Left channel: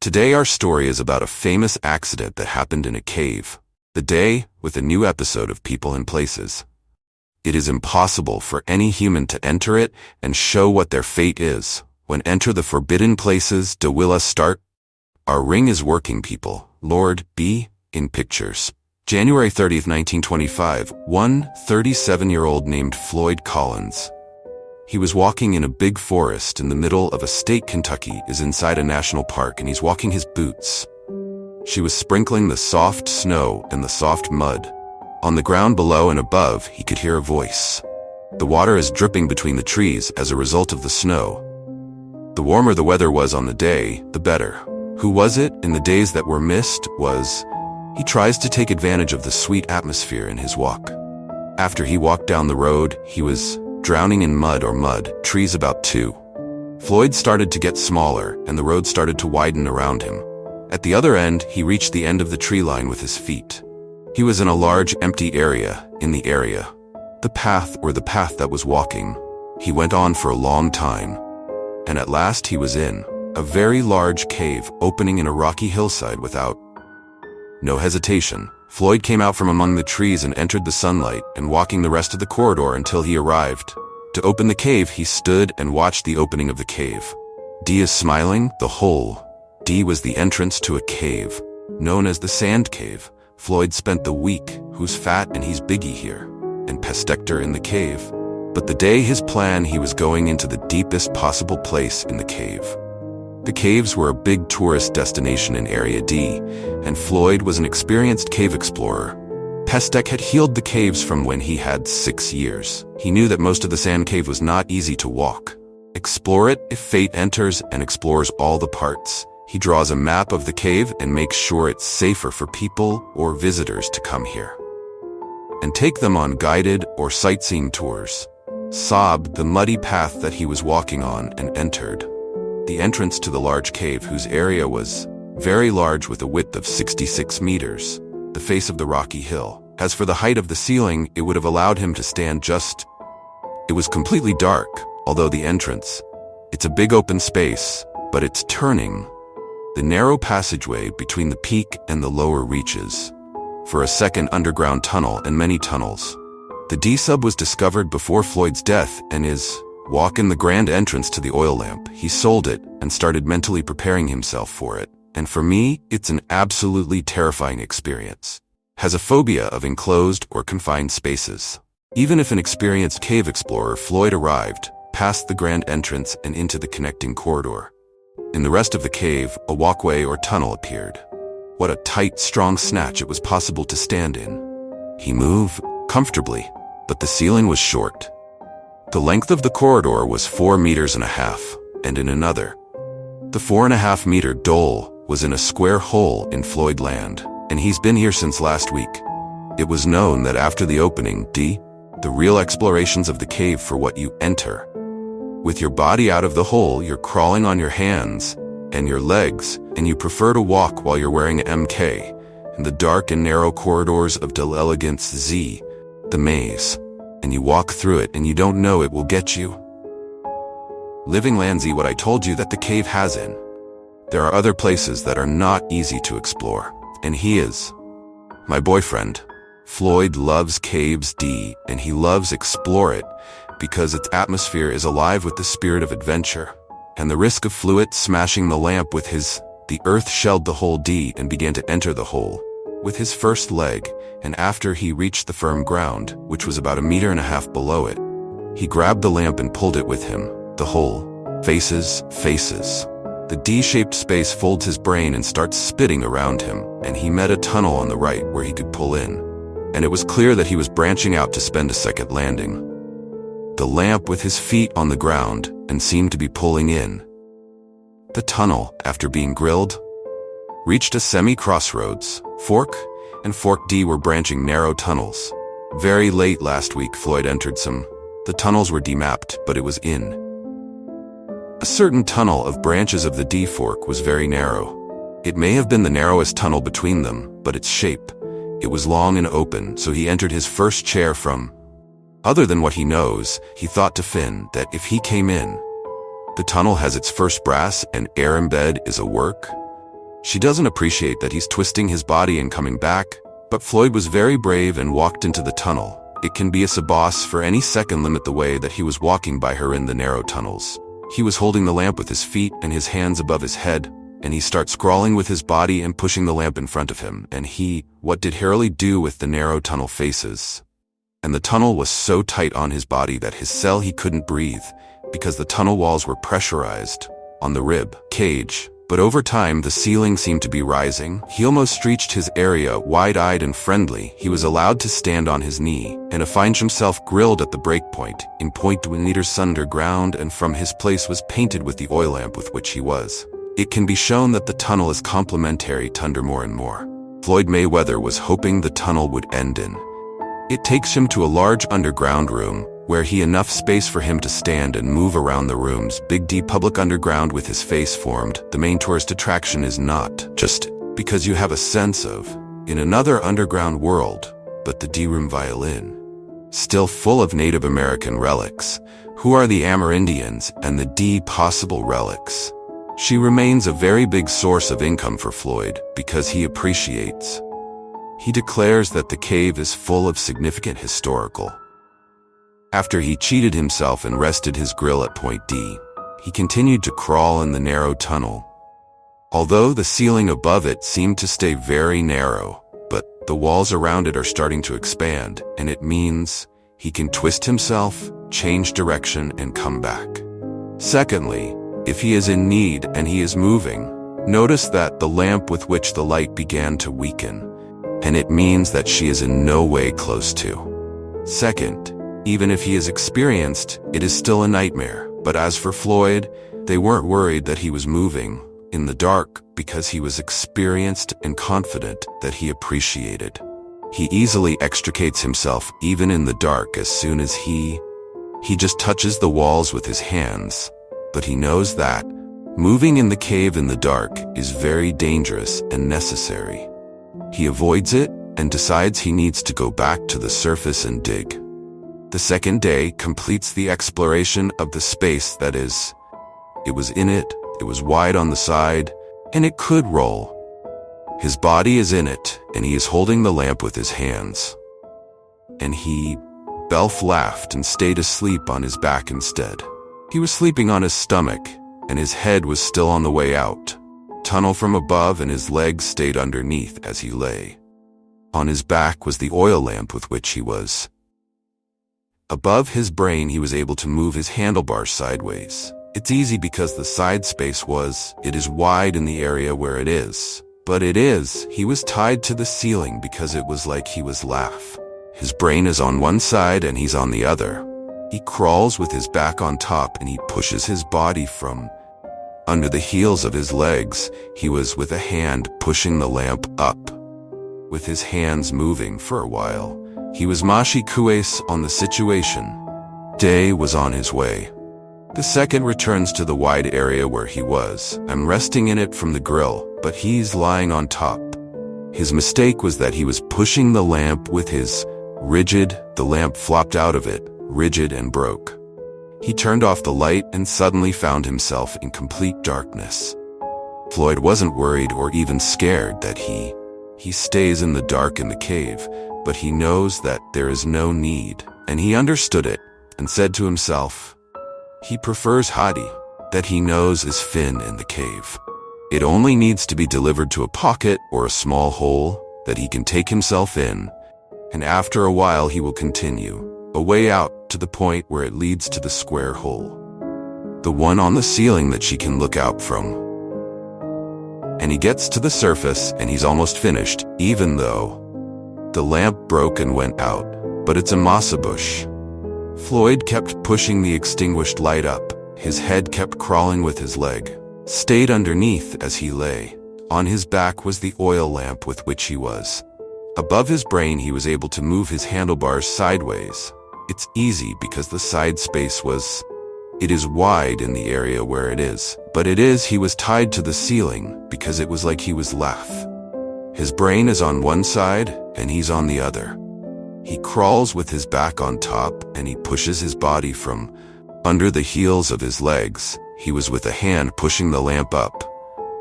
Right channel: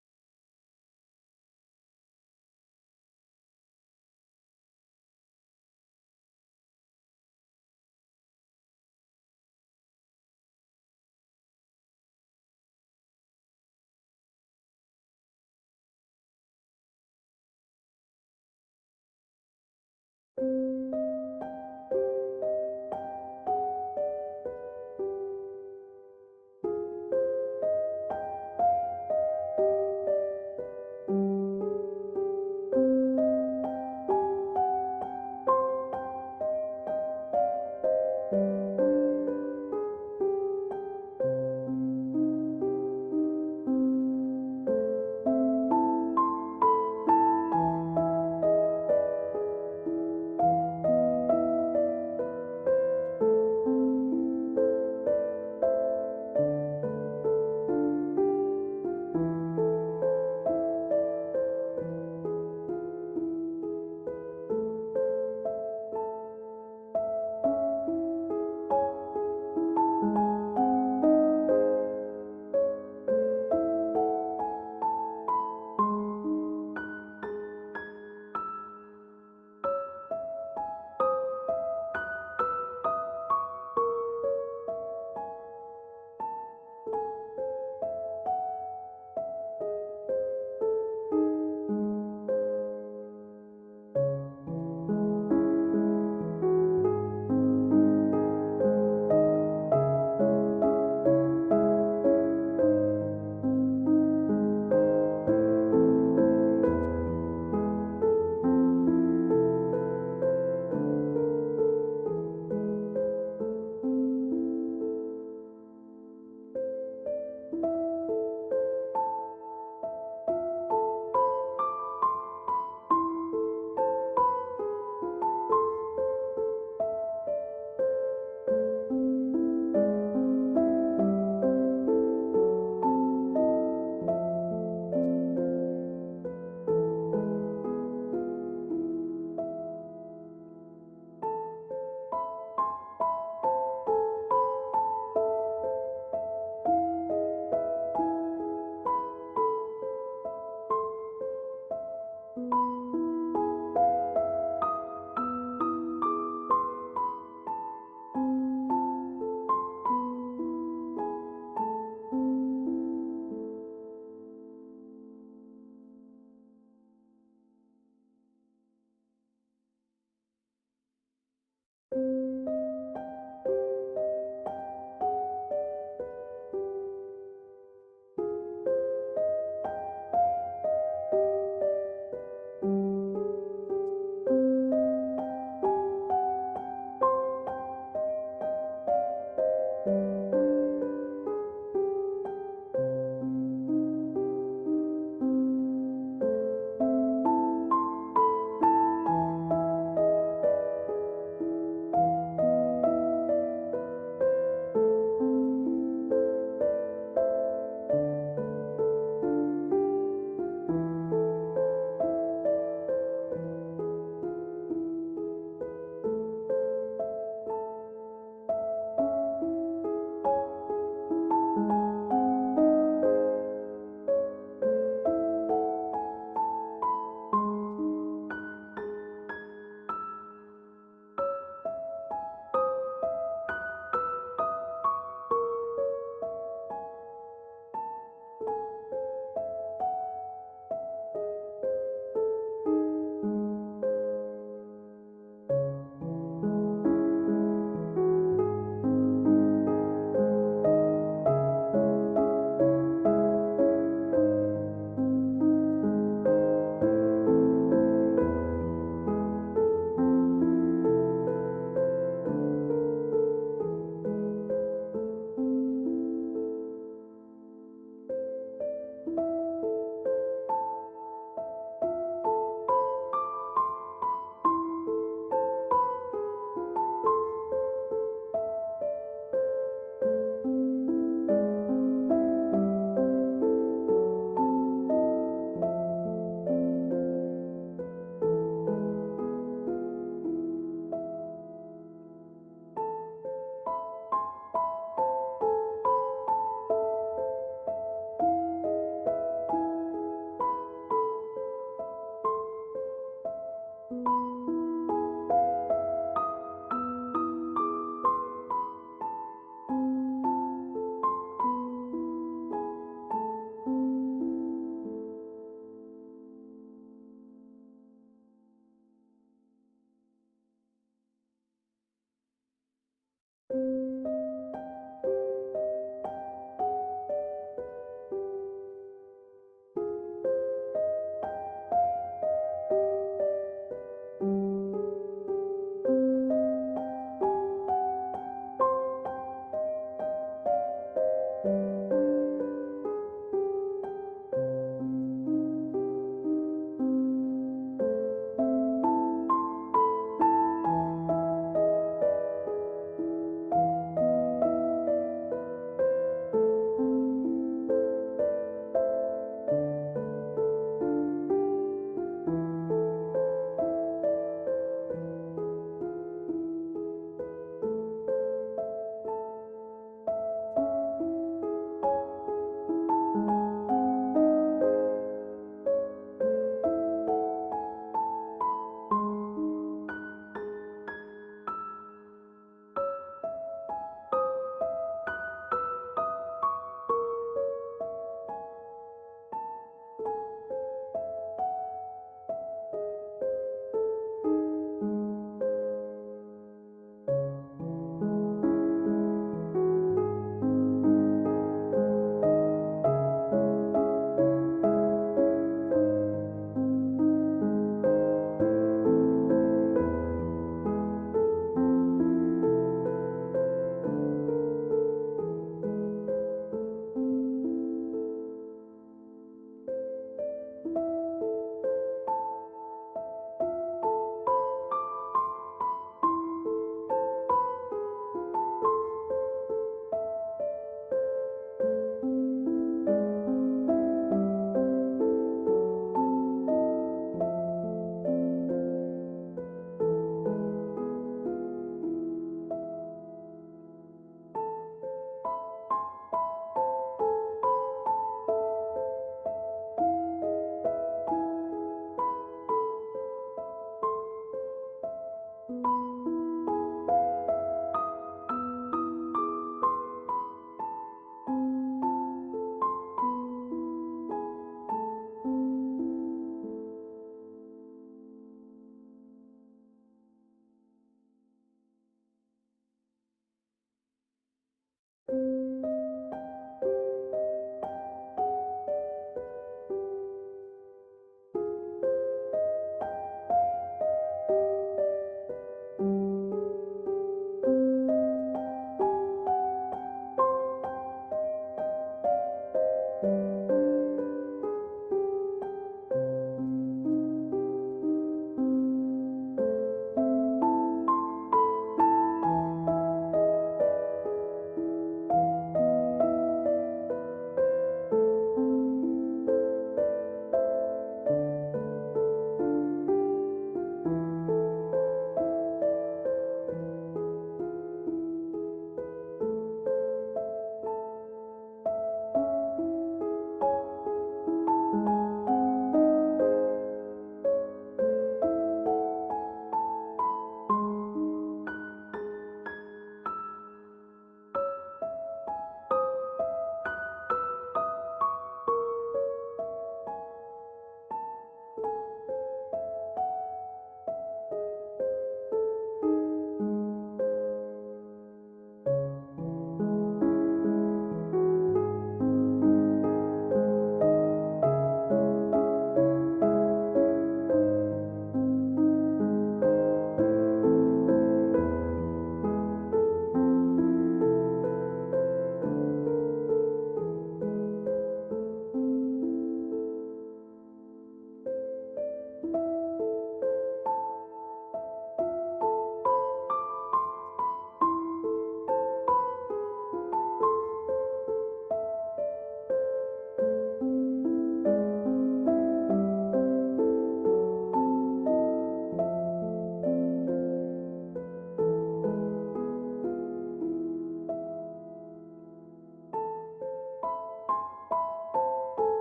Today our story is about a famous accident that happened in a cave. The day, with a new episode of People and Places. It is impossible for any human to enter it and show what their fate is. When enter the forbidden places, do will us start? Our ring is working, people. Lord B. in pictures. January 30th, 1925, one 37-year-old named Floyd Collins. He was walking in a big forest in the middle of a state. Kentucky is inside a national park, and he's walking his boots. She was sprinkling the soft snow and the soft mud. On the ground below and above, he could hear a voice. The water is dripping between the trees as a result of the snow. The warmer the weather was on the day, the better. Who was it in the days that were missed? He tries to take advantage of the sweet atmosphere in his walk. After he walked down the road, he was drowning in mud, trees about 2. Floyd started to get smaller, and the road started to widen around him. At the other end, he reached the end of the tree line with his feet. He was in a large, empty area, the path that was walking. He went on for a long time, and at last he was in a very large cave opening in a rocky hillside. Without no hesitation, Floyd came out from among the trees and entered the sunlight, and walking the rest of the corridor until he arrived. To open the cave, he stood and watched the opening of the cave. D is smiling. The hole D was the entrance to a cave, known as the Sand Cave. Floyd spent the week, who's fat and he's biggie here, and pestector in the cave. But the day his plan, he was going into the deepest possible place in the cave. The caves were a big tourist destination in Area D, and Floyd was an experienced cave explorer. Pestek had healed the caves from when he had 6 years. He knew that most of the Sand Cave was not easy to walk. Explore it if fate enters, and explores all the parts. He draws a map of the cave and makes sure it's safer for people or visitors to come here, and take them on guided or sightseeing tours. Sobbed the muddy path that he was walking on and entered the entrance to the large cave, whose area was very large with a width of 66 meters, the face of the rocky hill. As for the height of the ceiling, it would have allowed him to stand just. It was completely dark, although the entrance. It's a big open space, but it's turning. The narrow passageway between the peak and the lower reaches for a second underground tunnel and many tunnels. The D-sub was discovered before Floyd's death and is walk in the grand entrance to the oil lamp. He sold it and started mentally preparing himself for it. And for me, it's an absolutely terrifying experience. Has a phobia of enclosed or confined spaces. Even if an experienced cave explorer, Floyd arrived past the grand entrance and into the connecting corridor. In the rest of the cave, a walkway or tunnel appeared. What a tight, strong snatch it was possible to stand in. He moved comfortably, but the ceiling was short. The length of the corridor was 4.5 meters, and in another, the 4.5 meter dole was in a square hole in Floyd land, and he's been here since last week. It was known that after the opening, the real explorations of the cave for what you enter. With your body out of the hole, you're crawling on your hands and your legs, and you prefer to walk while you're wearing a MK in the dark and narrow corridors of Del Elegance Z, the maze. And you walk through it and you don't know it will get you. Living Landsy, what I told you that the cave has in. There are other places that are not easy to explore, and he is my boyfriend. Floyd loves caves D, and he loves explore it because its atmosphere is alive with the spirit of adventure and the risk of fluid smashing the lamp with the earth shelled the hole D and began to enter the hole with his first leg, and after he reached the firm ground, which was about 1.5 meters below it, he grabbed the lamp and pulled it with him. The hole faces. The D-shaped space folds his brain and starts spitting around him, and he met a tunnel on the right where he could pull in. And it was clear that he was branching out to spend a second landing. The lamp with his feet on the ground and seemed to be pulling in. The tunnel, after being grilled, reached a semi-crossroads. Fork and Fork D were branching narrow tunnels. Very late last week, Floyd entered some. The tunnels were demapped, but it was in. A certain tunnel of branches of the D fork was very narrow. It may have been the narrowest tunnel between them, but its shape. It was long and open, so he entered his first chair from. Other than what he knows, he thought to Finn that if he came in, the tunnel has its first brass and air embed is a work. She doesn't appreciate that he's twisting his body and coming back, but Floyd was very brave and walked into the tunnel. It can be a boss for any second limit the way that he was walking by her in the narrow tunnels. He was holding the lamp with his feet and his hands above his head, and he starts crawling with his body and pushing the lamp in front of him. And what did Harley do with the narrow tunnel faces? And the tunnel was so tight on his body that his cell he couldn't breathe, because the tunnel walls were pressurized on the rib cage. But over time, the ceiling seemed to be rising. He almost reached his area, wide-eyed and friendly. He was allowed to stand on his knee, and finds himself grilled at the breakpoint, in 0.1 meters underground, and from his place was painted with the oil lamp with which he was. It can be shown that the tunnel is complementary to under more and more. Floyd Mayweather was hoping the tunnel would end in. It takes him to a large underground room, where he enough space for him to stand and move around the room's big D public underground with his face formed. The main tourist attraction is not just because you have a sense of in another underground world, but the D room violin, still full of Native American relics. Who are the Amerindians and the D possible relics? She remains a very big source of income for Floyd because he appreciates. He declares that the cave is full of significant historical. After he cheated himself and rested his grill at point D, he continued to crawl in the narrow tunnel. Although the ceiling above it seemed to stay very narrow, but the walls around it are starting to expand, and it means he can twist himself, change direction, and come back. Secondly, if he is in need and he is moving, notice that the lamp with which the light began to weaken, and it means that she is in no way close to. Second, even if he is experienced, it is still a nightmare. But as for Floyd, they weren't worried that he was moving in the dark because he was experienced and confident that he appreciated. He easily extricates himself even in the dark as soon as he just touches the walls with his hands. But he knows that moving in the cave in the dark is very dangerous and necessary. He avoids it and decides he needs to go back to the surface and dig. The second day completes the exploration of the space that is. It was wide on the side, and it could roll. His body is in it, and he is holding the lamp with his hands. And Belf laughed and stayed asleep on his back instead. He was sleeping on his stomach, and his head was still on the way out. Tunnel from above, and his legs stayed underneath as he lay. On his back was the oil lamp with which he was. Above his brain, he was able to move his handlebars sideways. It's easy because the side space it is wide in the area where it is. But he was tied to the ceiling because it was like he was His brain is on one side and he's on the other. He crawls with his back on top and he pushes his body from under the heels of his legs. He was with a hand pushing the lamp up, with his hands moving for a while. He was mashi kues on the situation. Day was on his way. The second returns to the wide area where he was. I'm resting in it from the grill, but he's lying on top. His mistake was that he was pushing the lamp with his the lamp flopped out of it, rigid and broke. He turned off the light and suddenly found himself in complete darkness. Floyd wasn't worried or even scared that he stays in the dark in the cave, but he knows that there is no need, and he understood it and said to himself, he prefers Hadi, that he knows is Finn in the cave. It only needs to be delivered to a pocket or a small hole that he can take himself in, and after a while he will continue, a way out to the point where it leads to the square hole. The one on the ceiling that she can look out from. And he gets to the surface and he's almost finished, even though the lamp broke and went out, but it's a masa bush. Floyd kept pushing the extinguished light up. His head kept crawling with his leg. Stayed underneath as he lay. On his back was the oil lamp with which he was. Above his brain he was able to move his handlebars sideways. It's easy because the side space it is wide in the area where it is, but he was tied to the ceiling because it was like he was His brain is on one side and he's on the other. He crawls with his back on top and he pushes his body from under the heels of his legs. He was with a hand pushing the lamp up,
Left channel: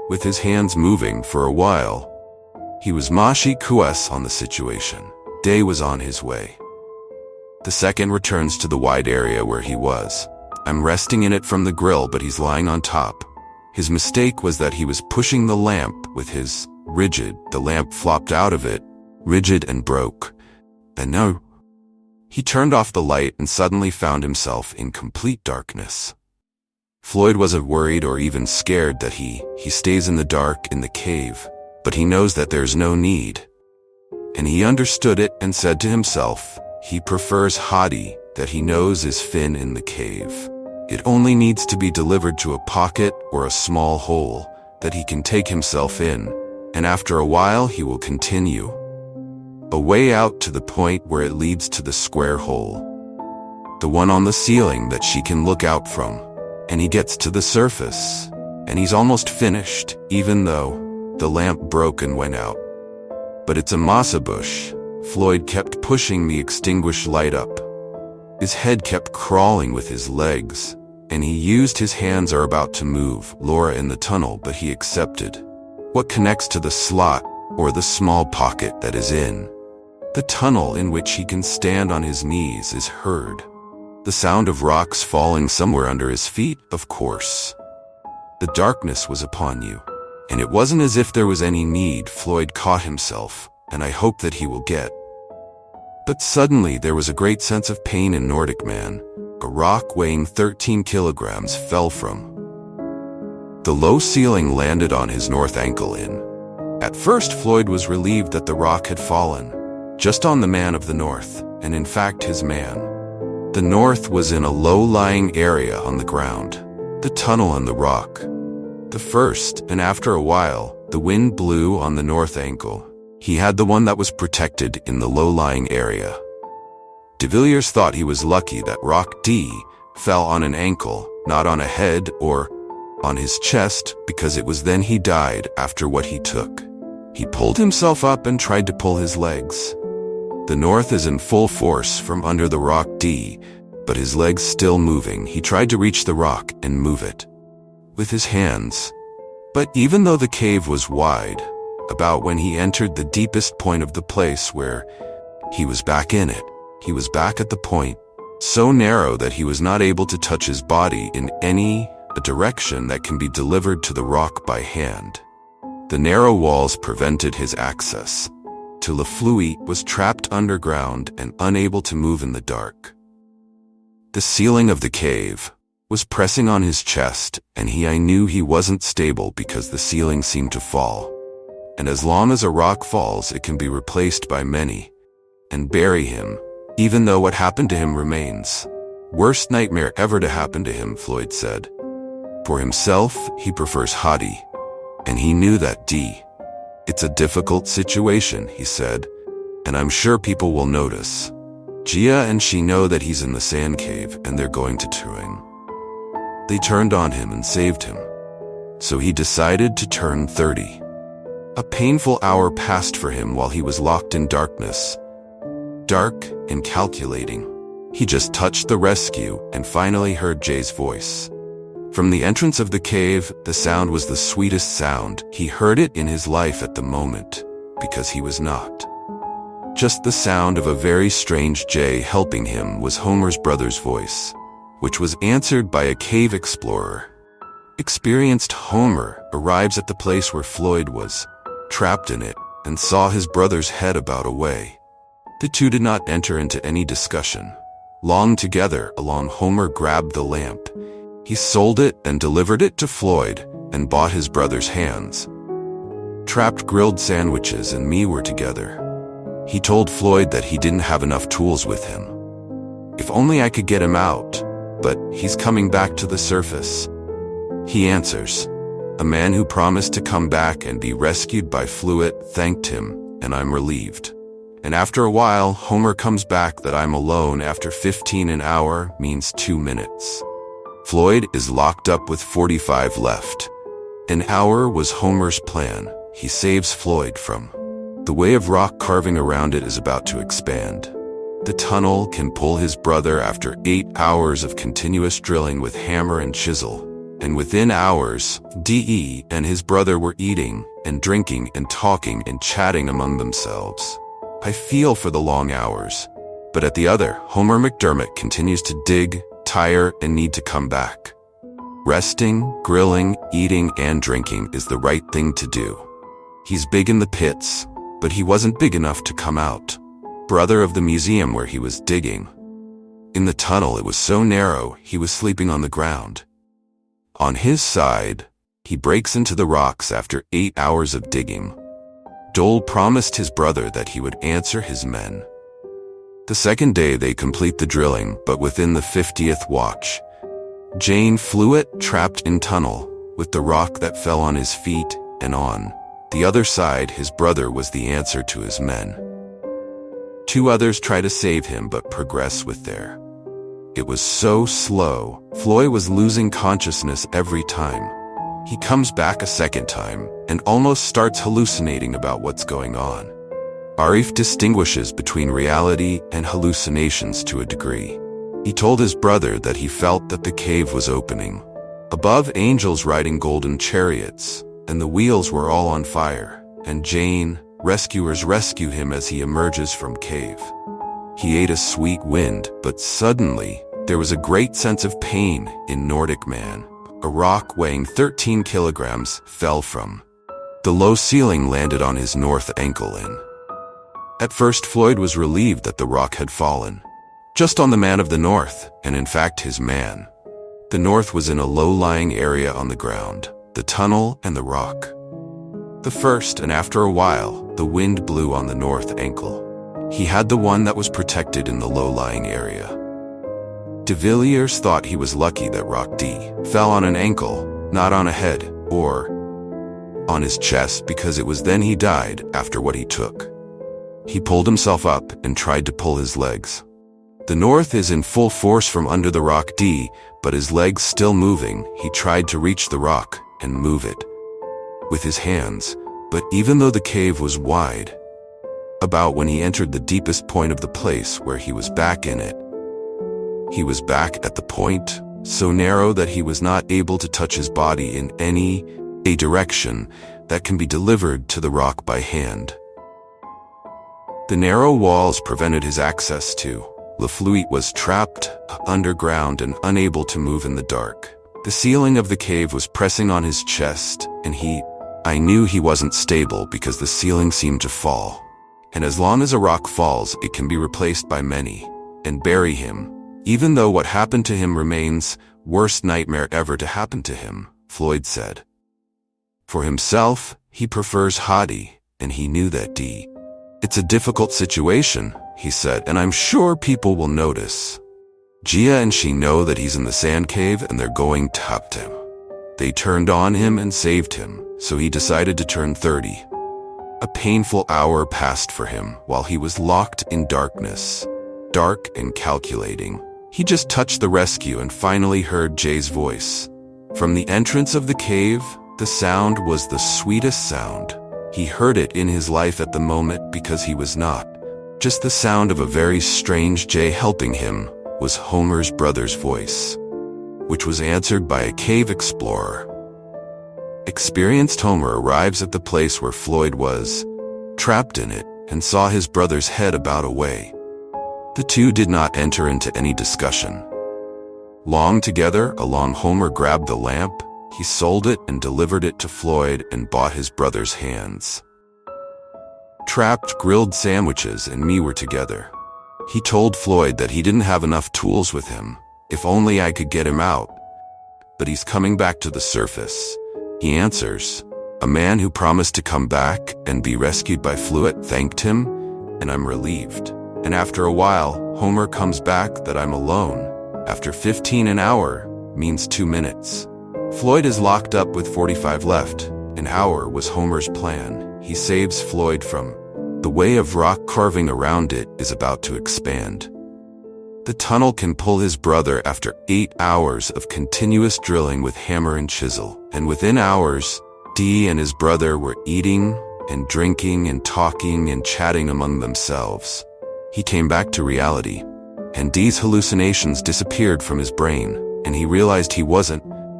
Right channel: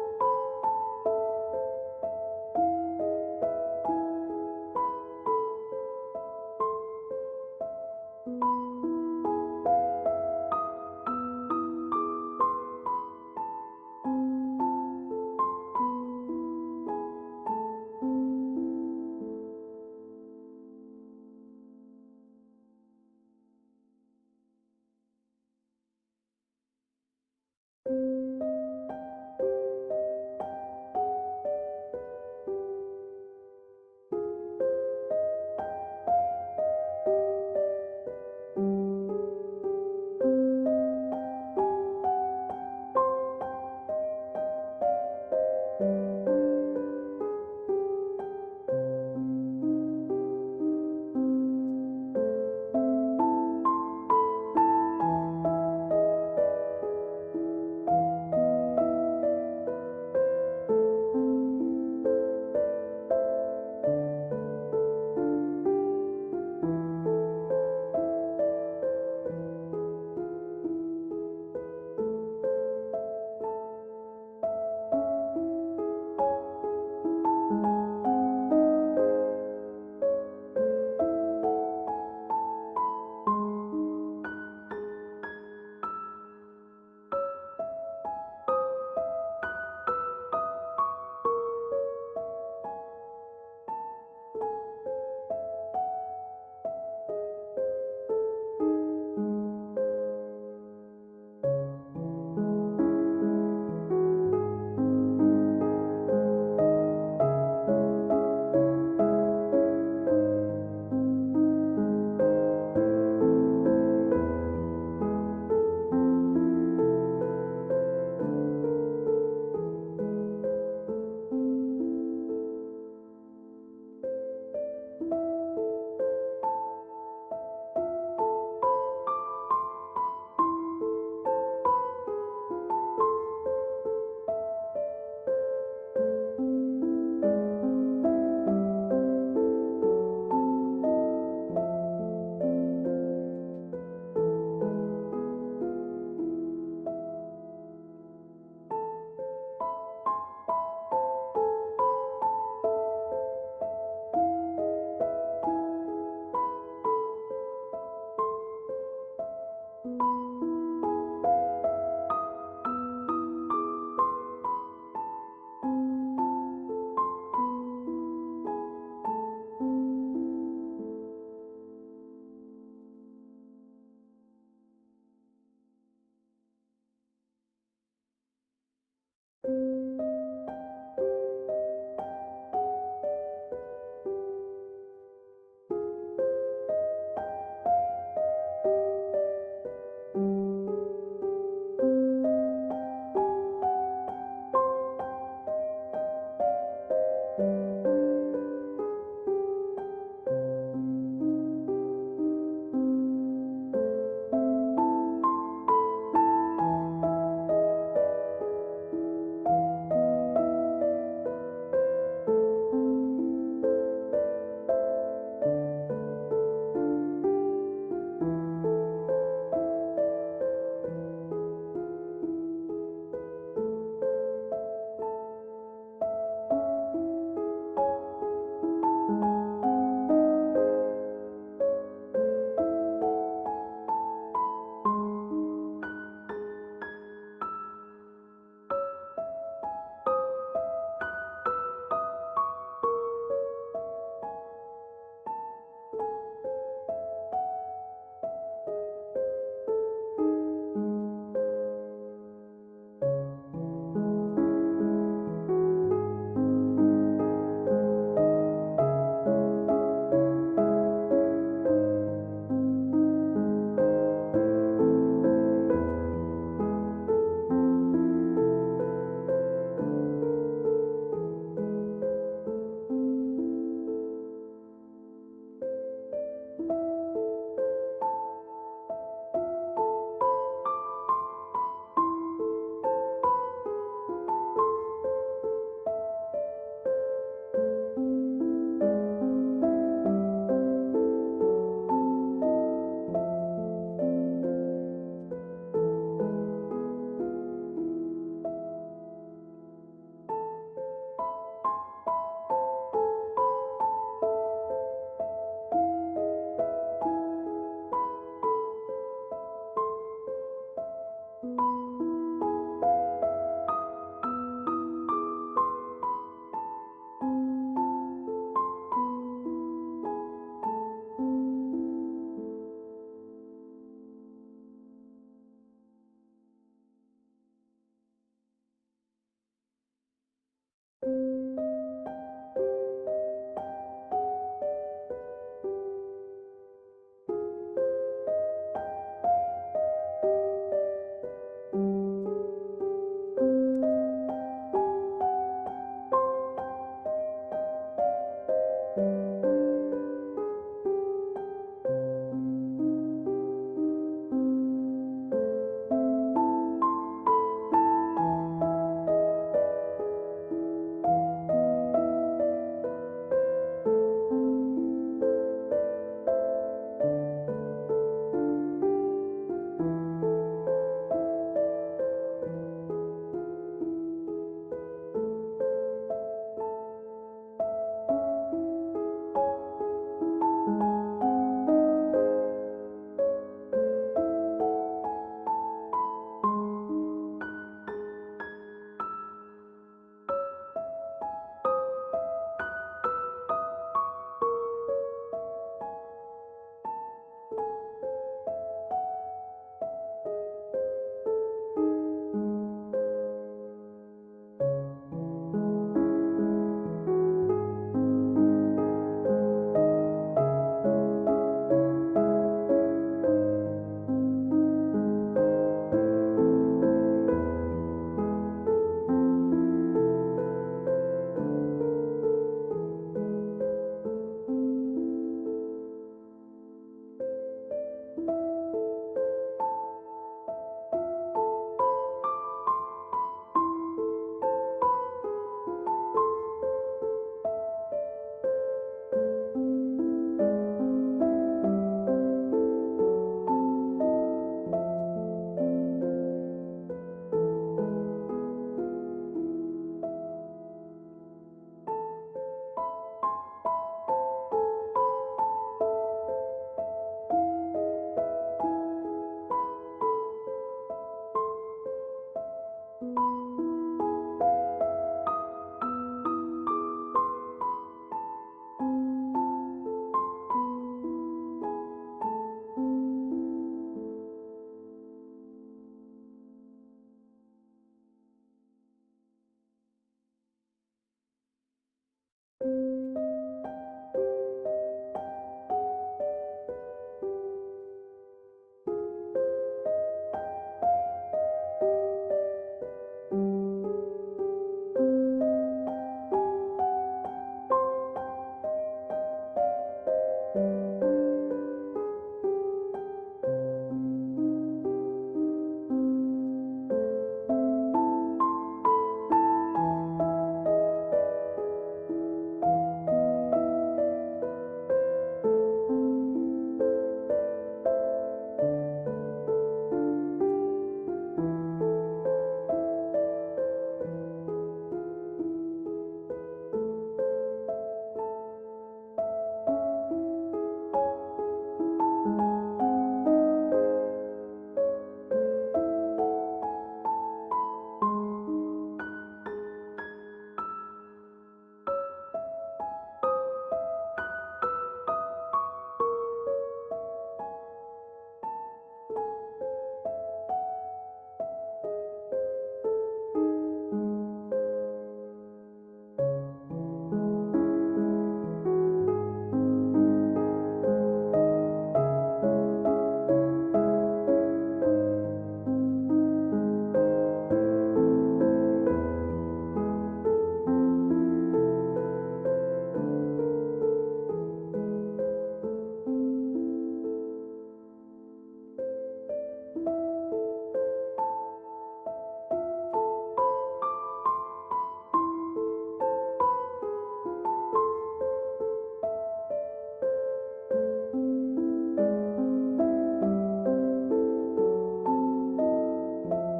with his hands moving for a while. He was mashi kues on the situation. Day was on his way. The second returns to the wide area where he was. I'm resting in it from the grill, but he's lying on top. His mistake was that he was pushing the lamp with his rigid. The lamp flopped out of it, rigid, and broke. And no. He turned off the light and suddenly found himself in complete darkness. Floyd wasn't worried or even scared that he stays in the dark in the cave, but he knows that there's no need. And he understood it and said to himself, he prefers Hadi, that he knows is Finn in the cave. It only needs to be delivered to a pocket or a small hole that he can take himself in, and after a while he will continue a way out to the point where it leads to the square hole, the one on the ceiling that she can look out from. And he gets to the surface, and he's almost finished, even though the lamp broke and went out. But it's a masa bush. Floyd kept pushing the extinguished light up. His head kept crawling with his legs, and he used his hands are about to move Laura in the tunnel, but he accepted what connects to the slot or the small pocket that is in the tunnel in which he can stand on his knees is heard. The sound of rocks falling somewhere under his feet, of course. The darkness was upon you, and it wasn't as if there was any need. Floyd caught himself, and I hope that he will get. But suddenly there was a great sense of pain in Nordic man. A rock weighing 13 kilograms fell from the low ceiling, landed on his north ankle in. At first Floyd was relieved that the rock had fallen just on the man of the north, and in fact his man. The north was in a low-lying area on the ground, the tunnel and the rock. The first, and after a while, the wind blew on the north ankle. He had the one that was protected in the low-lying area. De Villiers thought he was lucky that rock D fell on an ankle, not on a head or on his chest, because it was then he died after what he took. He pulled himself up and tried to pull his legs. The north is in full force from under the rock D, but his legs still moving. He tried to reach the rock and move it with his hands. But even though the cave was wide, about when he entered the deepest point of the place where he was back in it, he was back at the point, so narrow that he was not able to touch his body in any direction that can be delivered to the rock by hand. The narrow walls prevented his access. To Laflui was trapped underground and unable to move in the dark. The ceiling of the cave was pressing on his chest, and I knew he wasn't stable because the ceiling seemed to fall. And as long as a rock falls, it can be replaced by many and bury him, even though what happened to him remains. Worst nightmare ever to happen to him, Floyd said. For himself, he prefers Hadi, and he knew that D. It's a difficult situation, he said, and I'm sure people will notice. Gia and she know that he's in the sand cave and they're going to him. They turned on him and saved him. So he decided to turn 30. A painful hour passed for him while he was locked in darkness. Dark and calculating. He just touched the rescue and finally heard Jay's voice. From the entrance of the cave, the sound was the sweetest sound. He heard it in his life at the moment, because he was not. Just the sound of a very strange Jay helping him was Homer's brother's voice, which was answered by a cave explorer. Experienced Homer arrives at the place where Floyd was, trapped in it, and saw his brother's head about away. The two did not enter into any discussion. Long together, alone, Homer grabbed the lamp. He sold it and delivered it to Floyd and bought his brother's hands. Trapped grilled sandwiches and me were together. He told Floyd that he didn't have enough tools with him. If only I could get him out, but he's coming back to the surface. He answers. A man who promised to come back and be rescued by Fluid thanked him, and I'm relieved. And after a while, Homer comes back that I'm alone after 15 an hour means 2 minutes. Floyd is locked up with 45 left. An hour was Homer's plan. He saves Floyd from the way of rock carving around it is about to expand. The tunnel can pull his brother after 8 hours of continuous drilling with hammer and chisel. And within hours, D and his brother were eating and drinking and talking and chatting among themselves. I feel for the long hours. But at the other, Homer McDermott continues to dig, tire, and need to come back. Resting, grilling, eating, and drinking is the right thing to do. He's big in the pits, but he wasn't big enough to come out. Brother of the museum where he was digging. In the tunnel, it was so narrow, he was sleeping on the ground. On his side, he breaks into the rocks after 8 hours of digging. Dole promised his brother that he would answer his men. The second day they complete the drilling, but within the 50th watch, Jane Fluett trapped in tunnel, with the rock that fell on his feet, and on the other side his brother was the answer to his men. 2 others try to save him but progress with their. It was so slow, Floyd was losing consciousness every time. He comes back a second time, and almost starts hallucinating about what's going on. Arif distinguishes between reality and hallucinations to a degree. He told his brother that he felt that the cave was opening. Above, angels riding golden chariots, and the wheels were all on fire, and Jane, rescuers rescue him as he emerges from cave. He ate a sweet wind, but suddenly, there was a great sense of pain in Nordic man. A rock weighing 13 kilograms fell from the low ceiling, landed on his north ankle, and at first Floyd was relieved that the rock had fallen just on the man of the north, and in fact his man. The north was in a low-lying area on the ground, the tunnel and the rock. The first, and after a while, the wind blew on the north ankle. He had the one that was protected in the low-lying area. De Villiers thought he was lucky that rock D fell on an ankle, not on a head, or on his chest, because it was then he died after what he took. He pulled himself up and tried to pull his legs. The north is in full force from under the rock D, but his legs still moving, he tried to reach the rock and move it with his hands, but even though the cave was wide, about when he entered the deepest point of the place where he was back in it, he was back at the point, so narrow that he was not able to touch his body in a direction that can be delivered to the rock by hand. The narrow walls prevented his access to. Lafluet was trapped underground and unable to move in the dark. The ceiling of the cave was pressing on his chest, and I knew he wasn't stable because the ceiling seemed to fall. And as long as a rock falls, it can be replaced by many, and bury him. Even though what happened to him remains, worst nightmare ever to happen to him, Floyd said. For himself, he prefers Hadi, and he knew that It's a difficult situation, he said, and I'm sure people will notice. Gia and she know that he's in the sand cave and they're going to help him. They turned on him and saved him, so he decided to turn 30. A painful hour passed for him while he was locked in darkness. Dark and calculating. He just touched the rescue and finally heard Jay's voice. From the entrance of the cave, the sound was the sweetest sound. He heard it in his life at the moment because he was not just the sound of a very strange Jay helping him, was Homer's brother's voice, which was answered by a cave explorer. Experienced Homer arrives at the place where Floyd was, trapped in it, and saw his brother's head about away. The two did not enter into any discussion. Long together, along Homer grabbed the lamp, he sold it and delivered it to Floyd and bought his brother's hands. Trapped grilled sandwiches and me were together. He told Floyd that he didn't have enough tools with him, if only I could get him out. But he's coming back to the surface. He answers. A man who promised to come back and be rescued by Fluett thanked him, and I'm relieved. And after a while, Homer comes back that I'm alone. After 15 an hour means 2 minutes. Floyd is locked up with 45 left. An hour was Homer's plan. He saves Floyd from the way of rock carving around it is about to expand. The tunnel can pull his brother after 8 hours of continuous drilling with hammer and chisel. And within hours, Dee and his brother were eating and drinking and talking and chatting among themselves. He came back to reality, and Dee's hallucinations disappeared from his brain, and he realized he wasn't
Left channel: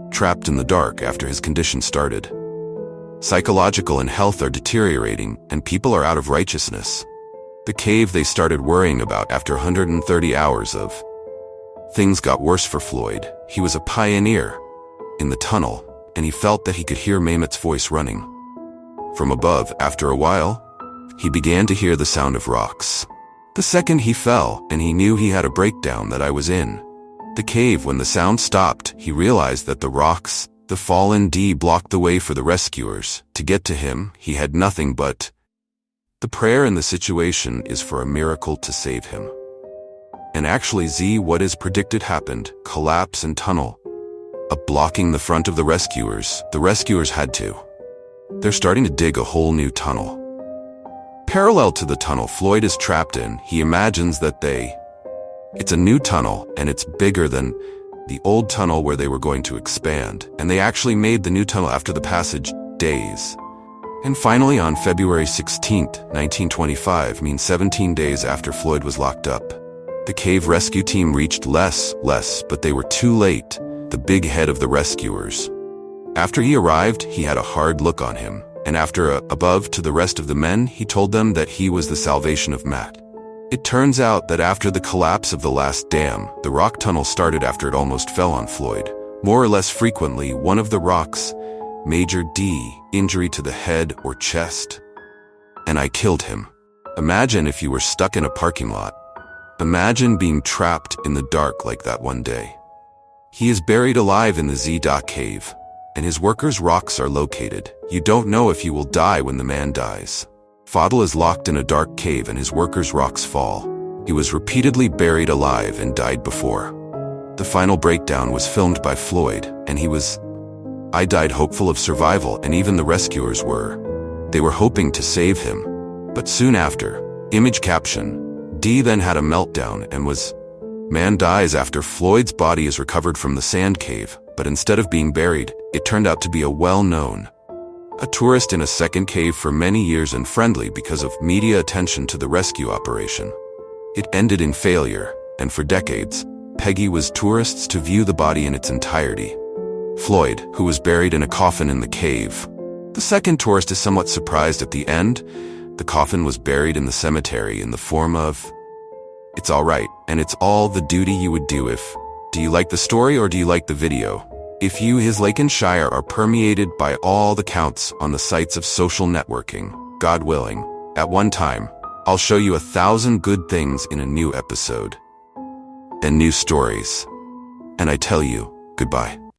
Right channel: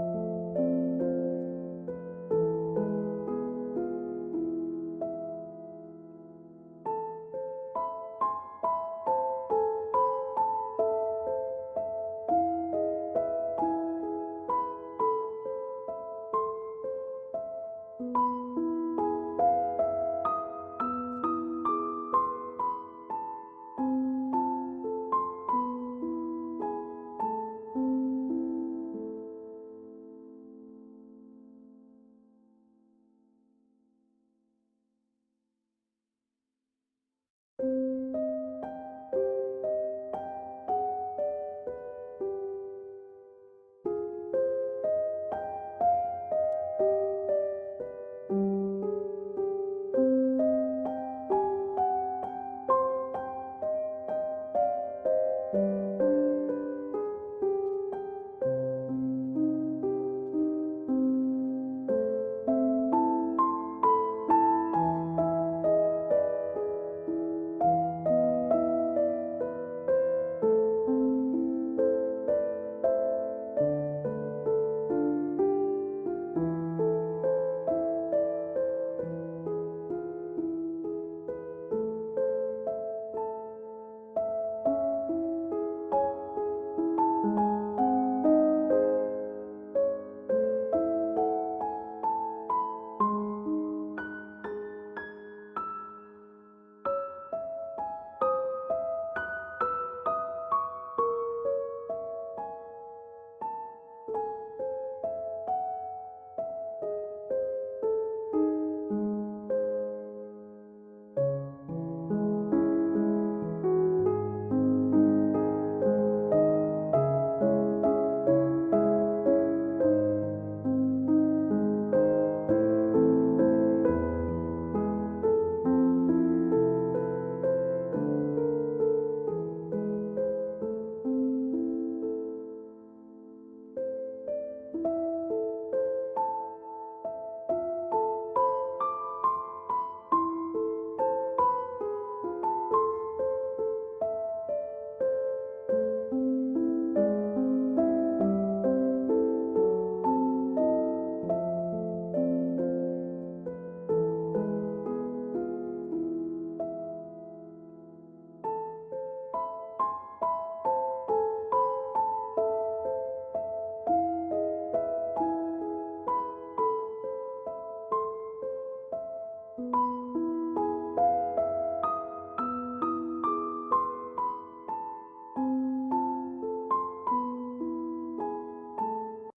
trapped in the dark after his condition started. Psychological and health are deteriorating, and people are out of righteousness. The cave they started worrying about after 130 hours of. Things got worse for Floyd. He was a pioneer in the tunnel, and he felt that he could hear Mehmet's voice running from above. After a while, he began to hear the sound of rocks. The second he fell, and he knew he had a breakdown that I was in the cave. When the sound stopped, he realized that the rocks, the fallen D, blocked the way for the rescuers. To get to him, he had nothing but the prayer in the situation is for a miracle to save him. And actually Z, what is predicted happened, collapse and tunnel up blocking the front of the rescuers. The rescuers had to. They're starting to dig a whole new tunnel. Parallel to the tunnel Floyd is trapped in, he imagines that it's a new tunnel, and it's bigger than the old tunnel where they were going to expand, and they actually made the new tunnel after the passage days. And finally on February 16th, 1925, means 17 days after Floyd was locked up, the cave rescue team reached less, but they were too late, the big head of the rescuers. After he arrived, he had a hard look on him, and after above to the rest of the men, he told them that he was the salvation of Matt. It turns out that after the collapse of the last dam, the rock tunnel started after it almost fell on Floyd. More or less frequently, one of the rocks, major D, injury to the head or chest. And I killed him. Imagine if you were stuck in a parking lot. Imagine being trapped in the dark like that one day. He is buried alive in the Z. Cave, and his workers' rocks are located. You don't know if you will die when the man dies. Fadl is locked in a dark cave and his workers' rocks fall. He was repeatedly buried alive and died before. The final breakdown was filmed by Floyd, and I died hopeful of survival, and even the rescuers were. They were hoping to save him. But soon after, image caption, D then had a meltdown and man dies after Floyd's body is recovered from the sand cave, but instead of being buried, it turned out to be a tourist in a second cave for many years and friendly because of media attention to the rescue operation. It ended in failure, and for decades, Peggy was tourists to view the body in its entirety. Floyd, who was buried in a coffin in the cave. The second tourist is somewhat surprised at the end. The coffin was buried in the cemetery in the form of, it's all right, and it's all the duty you would do if. Do you like the story or do you like the video? If you, his Lancashire, are permeated by all the counts on the sites of social networking, God willing, at one time, I'll show you 1,000 good things in a new episode and new stories. And I tell you, goodbye.